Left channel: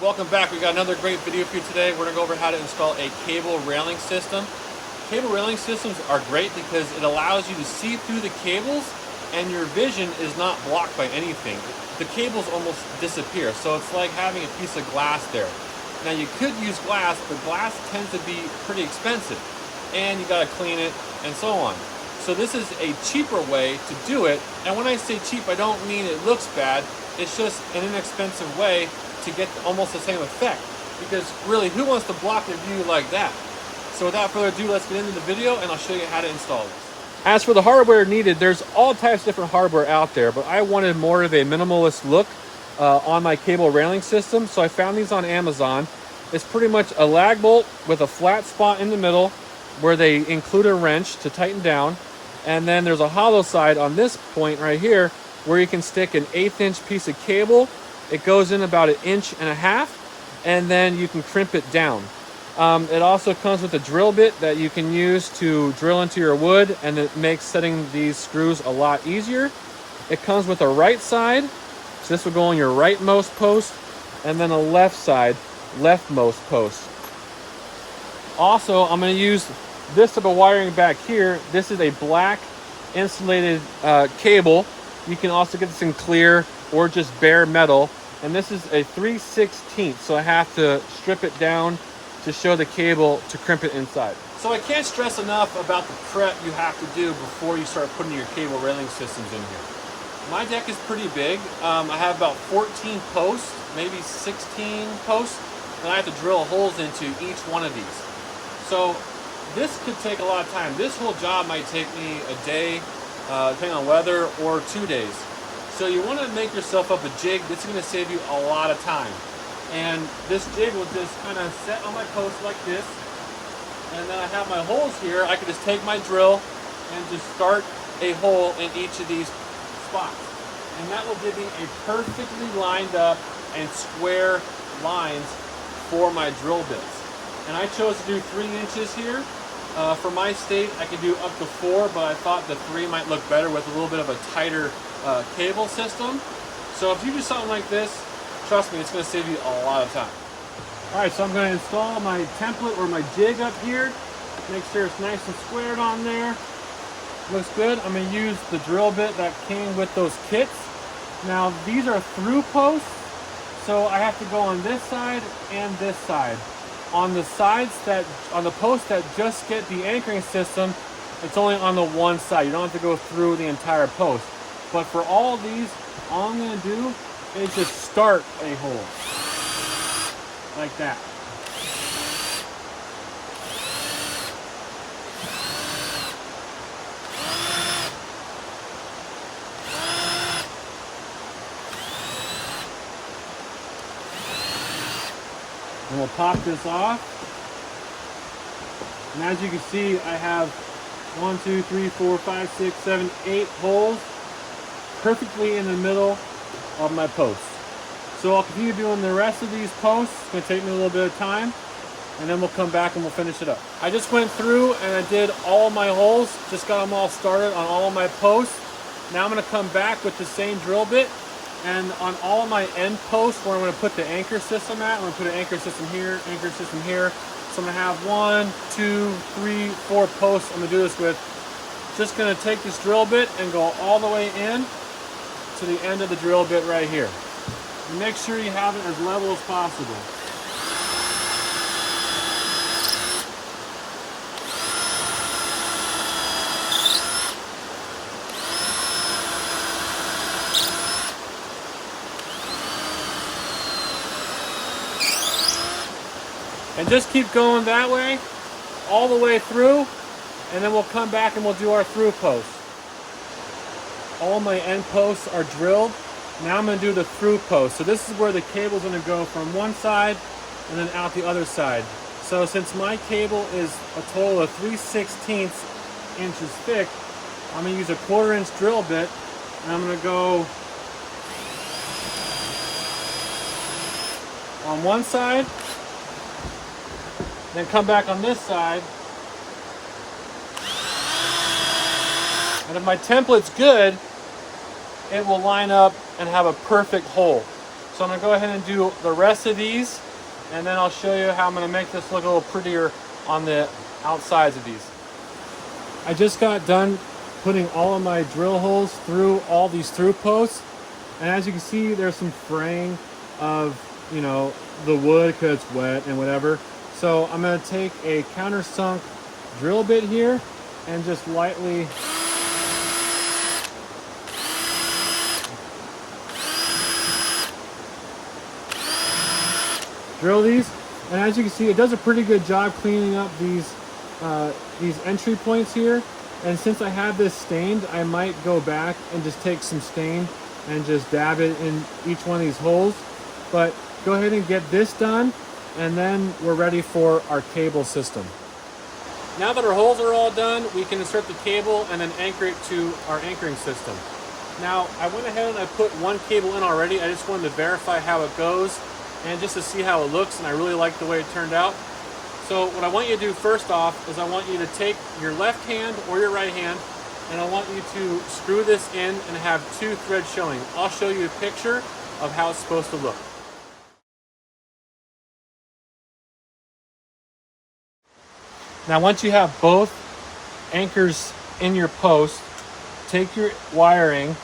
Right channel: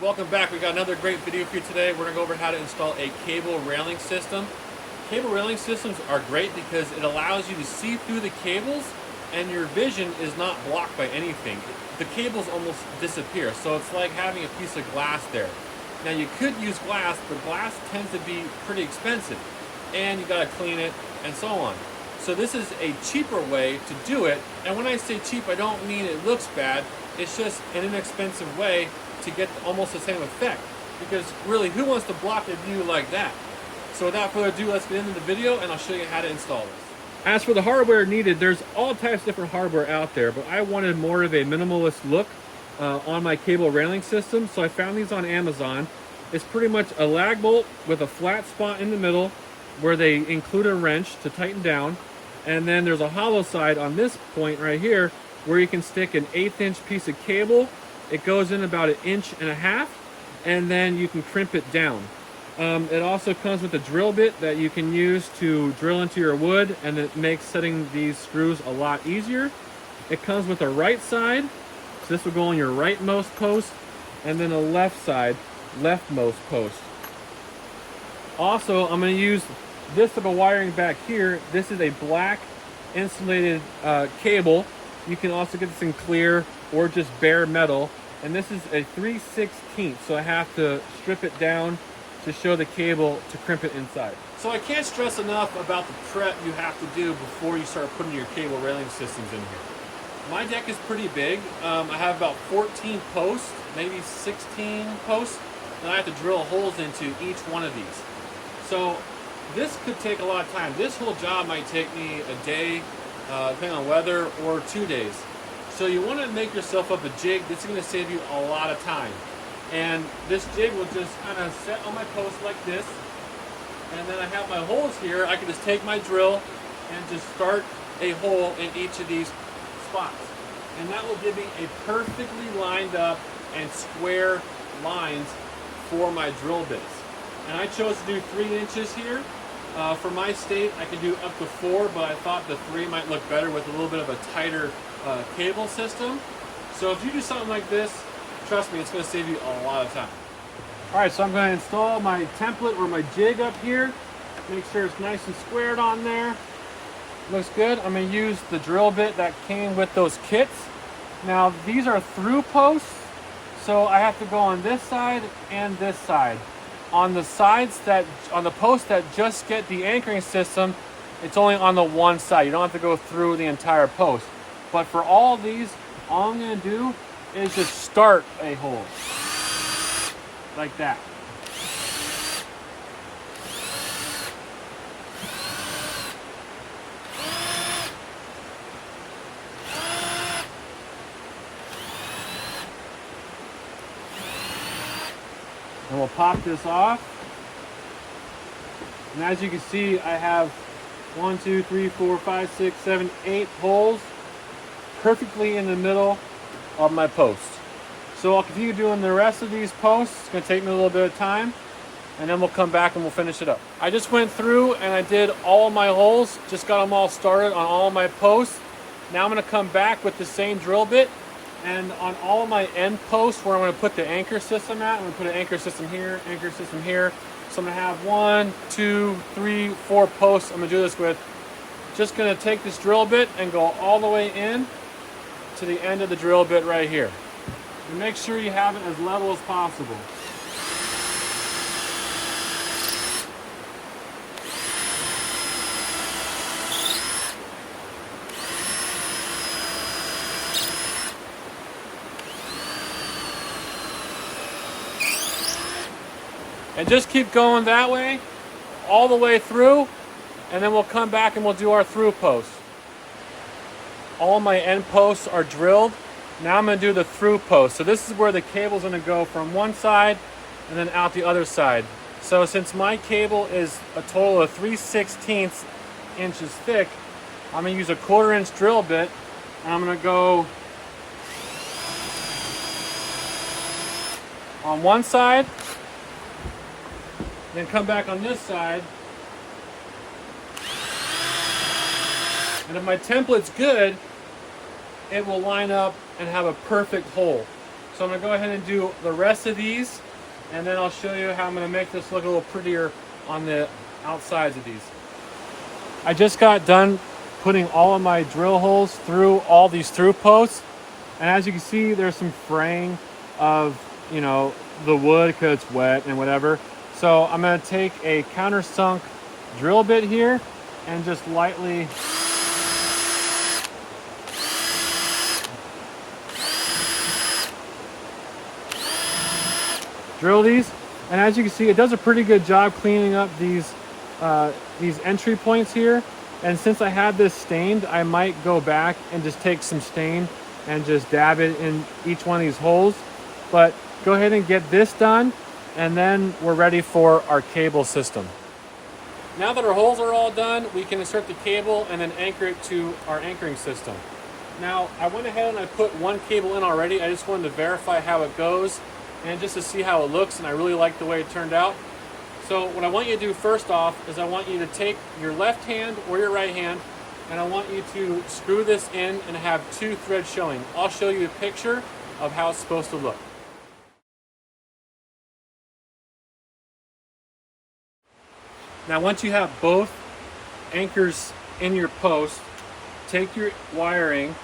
Welcome back. We got another great video for you today. We're going to go over how to install a cable railing system. Cable railing systems are great because it allows you to see through the cables and your vision is not blocked by anything. The cables almost disappear, so it's like having a piece of glass there. Now you could use glass, but glass tends to be pretty expensive and you got to clean it and so on. So this is a cheaper way to do it, and when I say cheap, I don't mean it looks bad. It's just an inexpensive way to get almost the same effect, because really, who wants to block their view like that? So without further ado, let's get into the video and I'll show you how to install this. As for the hardware needed, there's all types of different hardware out there, but I wanted more of a minimalist look on my cable railing system, so I found these on Amazon. It's pretty much a lag bolt with a flat spot in the middle where they include a wrench to tighten down, and then there's a hollow side on this point right here where you can stick an 1/8 inch piece of cable. It goes in about 1.5 inches, and then you can crimp it down. It also comes with a drill bit that you can use to drill into your wood, and it makes setting these screws a lot easier. It comes with a right side, so this will go on your rightmost post, and then a left side, leftmost post. Also, I'm going to use this type of wiring back here. This is a black insulated cable. You can also get this in clear or just bare metal. And this is a 3/16, so I have to strip it down to show the cable to crimp it inside. So I can't stress enough about the prep you have to do before you start putting your cable railing systems in here. My deck is pretty big. I have about 14 posts, maybe 16 posts, and I have to drill holes into each one of these. So this could take a lot of time. This whole job might take me a day, depending on weather, or 2 days. So you want to make yourself up a jig. This is going to save you a lot of time. And this jig will just kind of set on my post like this. And then I have my holes here. I can just take my drill and just start a hole in each of these spots. And that will give me a perfectly lined up and square lines for my drill bits. And I chose to do 3 inches here. For my state, I could do up to 4, but I thought the 3 might look better with a little bit of a tighter cable system. So if you do something like this, trust me, it's going to save you a lot of time. Alright, so I'm going to install my template or my jig up here. Make sure it's nice and squared on there. Looks good. I'm going to use the drill bit that came with those kits. Now these are through posts, so I have to go on this side and this side. On the sides on the posts that just get the anchoring system, it's only on the one side. You don't have to go through the entire post. But for all these, all I'm going to do is just start a hole. Like that. And we'll pop this off. And as you can see, I have 1, 2, 3, 4, 5, 6, 7, 8 holes perfectly in the middle of my post. So I'll continue doing the rest of these posts. It's going to take me a little bit of time, and then we'll come back and we'll finish it up. I just went through and I did all of my holes, just got them all started on all of my posts. Now I'm going to come back with the same drill bit, and on all of my end posts where I'm going to put the anchor system at, I'm going to put an anchor system here, anchor system here. So I'm going to have 1, 2, 3, 4 posts I'm going to do this with. Just going to take this drill bit and go all the way in to the end of the drill bit right here. And make sure you have it as level as possible. And just keep going that way, all the way through, and then we'll come back and we'll do our through post. All my end posts are drilled. Now I'm going to do the through post. So this is where the cable's going to go from one side and then out the other side. So since my cable is a total of 3/16 inches thick, I'm going to use a 1/4 inch drill bit, and I'm going to go on one side, then come back on this side, and if my template's good, it will line up and have a perfect hole. So I'm gonna go ahead and do the rest of these, and then I'll show you how I'm gonna make this look a little prettier on the outsides of these. I just got done putting all of my drill holes through all these through posts, and as you can see, there's some fraying of, you know, the wood because it's wet and whatever. So I'm going to take a countersunk drill bit here and just lightly drill these. And as you can see, it does a pretty good job cleaning up these entry points here. And since I have this stained, I might go back and just take some stain and just dab it in each one of these holes. But go ahead and get this done, and then we're ready for our cable system. Now that our holes are all done, we can insert the cable and then anchor it to our anchoring system. Now, I went ahead and I put one cable in already. I just wanted to verify how it goes and just to see how it looks, and I really like the way it turned out. So what I want you to do first off is I want you to take your left hand or your right hand, and I want you to screw this in and have two threads showing. I'll show you a picture of how it's supposed to look. Now once you have both anchors in your post, take your wiring,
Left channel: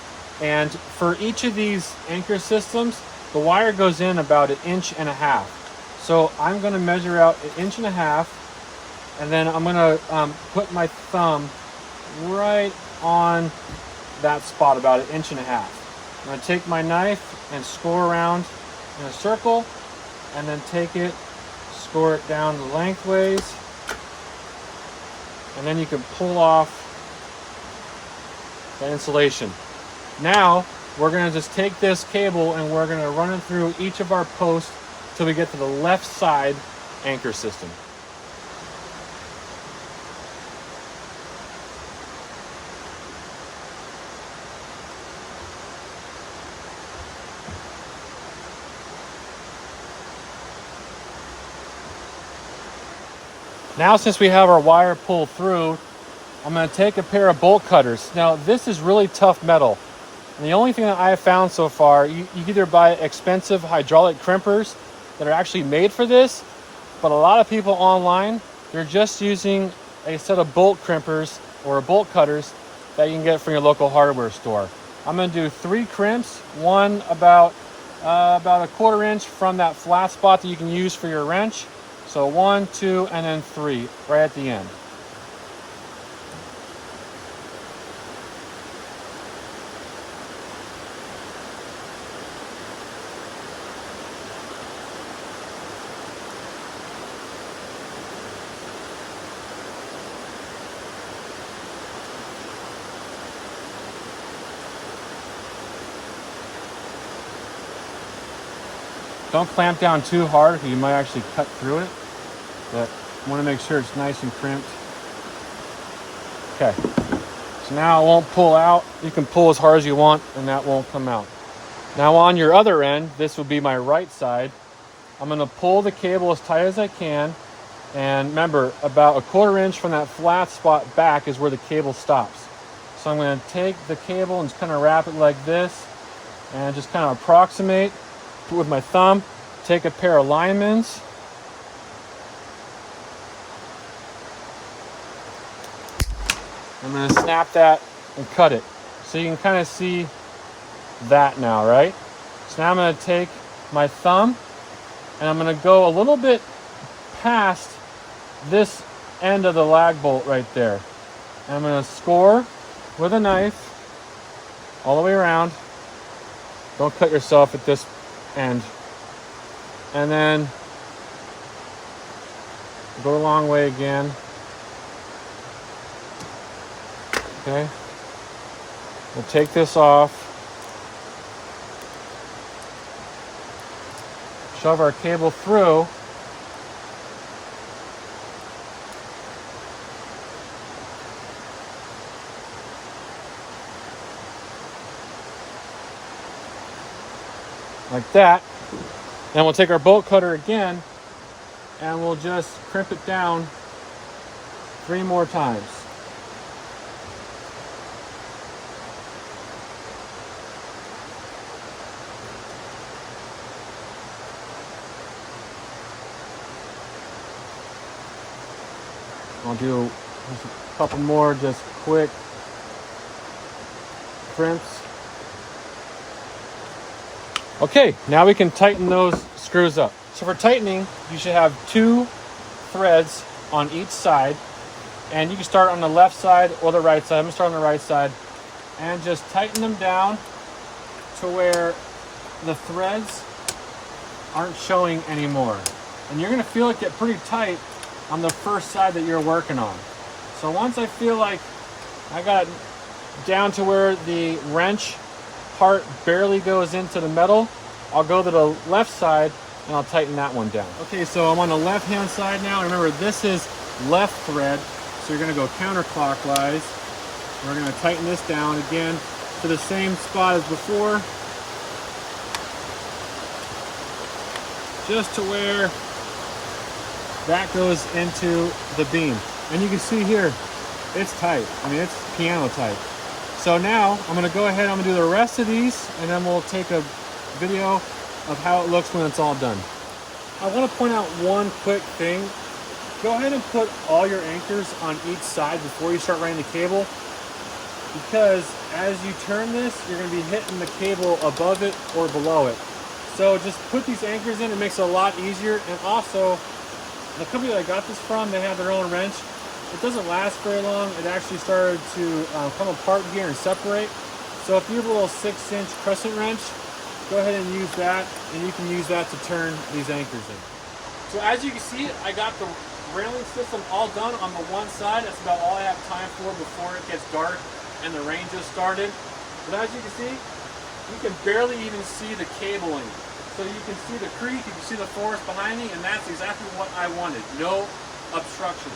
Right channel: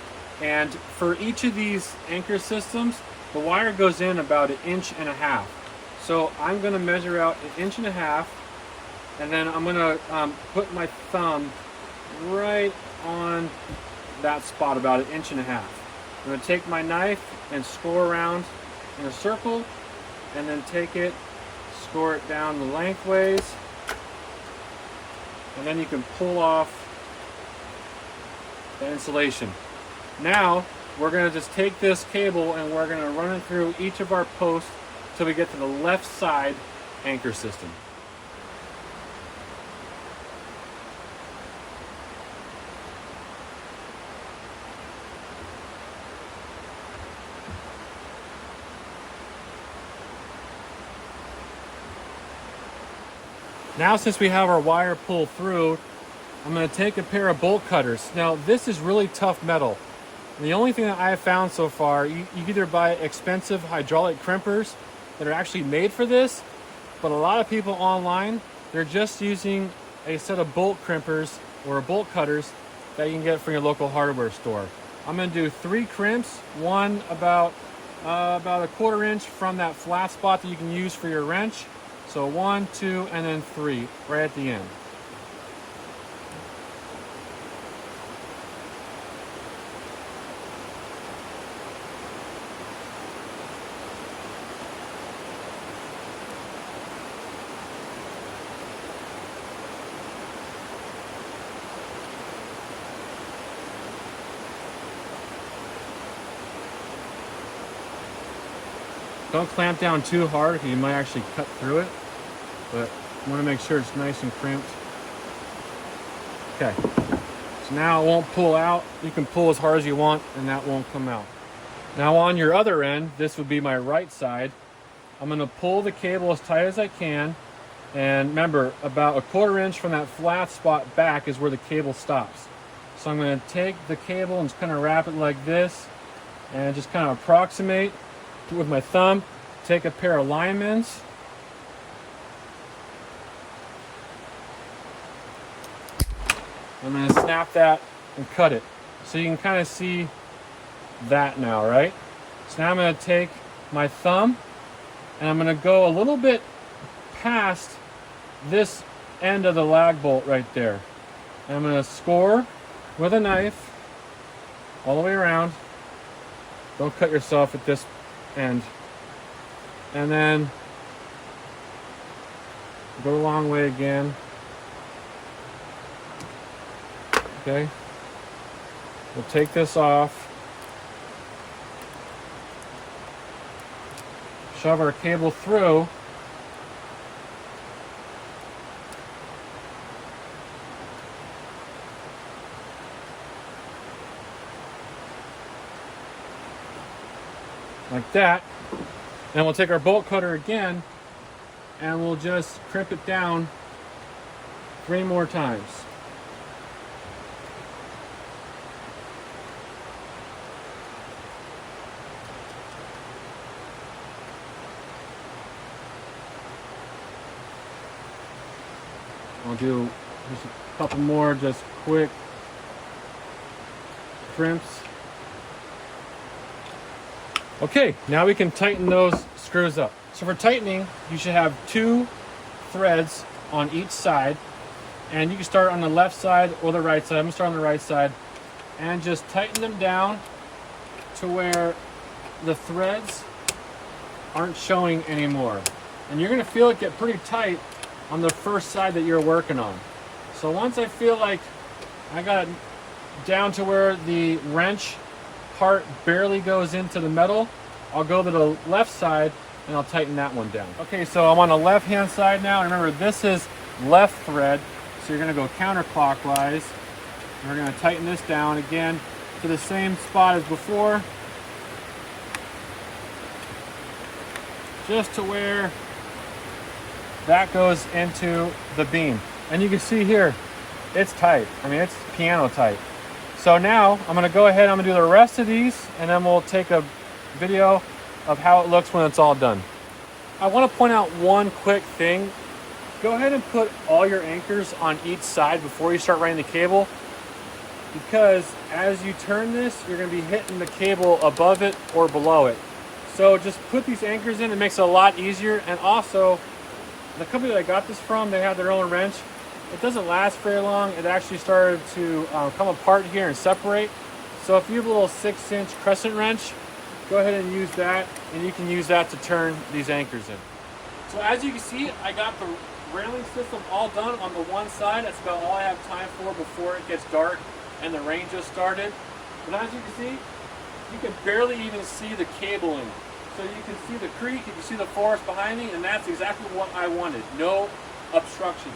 and for each of these anchor systems, the wire goes in about 1.5 inches. So I'm going to measure out 1.5 inches, and then I'm going to put my thumb right on that spot, about 1.5 inches. I'm going to take my knife and score around in a circle, and then take it, score it down the lengthways, and then you can pull off that insulation. Now we're going to just take this cable and we're going to run it through each of our posts till we get to the left side anchor system. Now, since we have our wire pulled through, I'm going to take a pair of bolt cutters. Now, this is really tough metal. And the only thing that I have found so far, you either buy expensive hydraulic crimpers that are actually made for this, but a lot of people online, they're just using a set of bolt crimpers or bolt cutters that you can get from your local hardware store. I'm going to do 3 crimps, one about 1/4 inch from that flat spot that you can use for your wrench. So 1, 2, and then 3 right at the end. Don't clamp down too hard because you might actually cut through it, but you want to make sure it's nice and crimped. Okay, so now it won't pull out. You can pull as hard as you want and that won't come out. Now on your other end, this would be my right side. I'm going to pull the cable as tight as I can, and remember, about 1/4 inch from that flat spot back is where the cable stops. So I'm going to take the cable and just kind of wrap it like this and just kind of approximate with my thumb, take a pair of linemans, I'm going to snap that and cut it. So you can kind of see that now, right? So now I'm going to take my thumb and I'm going to go a little bit past this end of the lag bolt right there. And I'm going to score with a knife all the way around. Don't cut yourself at this end. And then go a long way again. Okay. We'll take this off. Shove our cable through. Like that. Then we'll take our bolt cutter again and we'll just crimp it down 3 more times. I'll do just a couple more just quick crimps. Okay, now we can tighten those screws up. So for tightening, you should have 2 threads on each side, and you can start on the left side or the right side. I'm gonna start on the right side and just tighten them down to where the threads aren't showing anymore. And you're gonna feel it get pretty tight on the first side that you're working on. So once I feel like I got it down to where the wrench part barely goes into the metal, I'll go to the left side and I'll tighten that one down. Okay, so I'm on the left hand side now. Remember, this is left thread, so you're gonna go counterclockwise. We're gonna tighten this down again to the same spot as before, just to where that goes into the beam. And you can see here, it's tight. I mean, it's piano tight. So now I'm gonna go ahead, I'm gonna do the rest of these, and then we'll take a video of how it looks when it's all done. I wanna point out one quick thing. Go ahead and put all your anchors on each side before you start running the cable, because as you turn this, you're gonna be hitting the cable above it or below it. So just put these anchors in, it makes it a lot easier. And also, the company that I got this from, they have their own wrench. It doesn't last very long. It actually started to come apart here and separate. So if you have a little 6-inch crescent wrench, go ahead and use that, and you can use that to turn these anchors in. So as you can see, I got the railing system all done on the one side. That's about all I have time for before it gets dark and the rain just started. But as you can see, you can barely even see the cabling. So you can see the creek, you can see the forest behind me, and that's exactly what I wanted. No obstruction.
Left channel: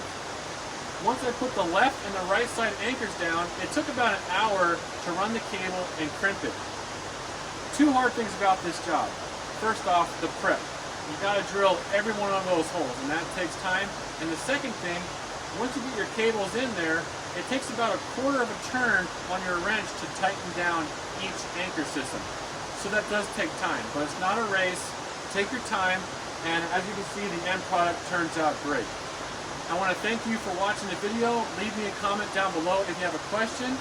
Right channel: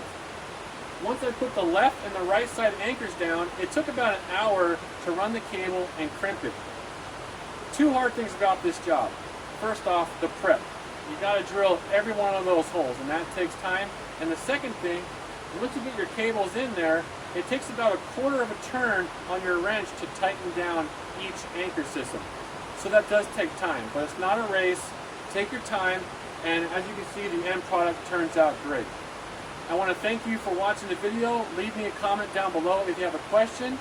Once I put the left and the right side anchors down, it took about an hour to run the cable and crimp it. 2 hard things about this job. First off, the prep. You gotta drill every one of those holes, and that takes time. And the second thing, once you get your cables in there, it takes about 1/4 of a turn on your wrench to tighten down each anchor system. So that does take time, but it's not a race. Take your time, and as you can see, the end product turns out great. I want to thank you for watching the video. Leave me a comment down below if you have a question.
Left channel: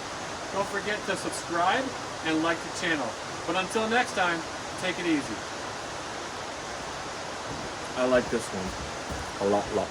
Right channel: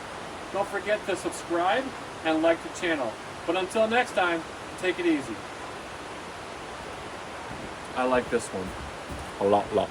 Don't forget to subscribe and like the channel. But until next time, take it easy. I like this one a lot.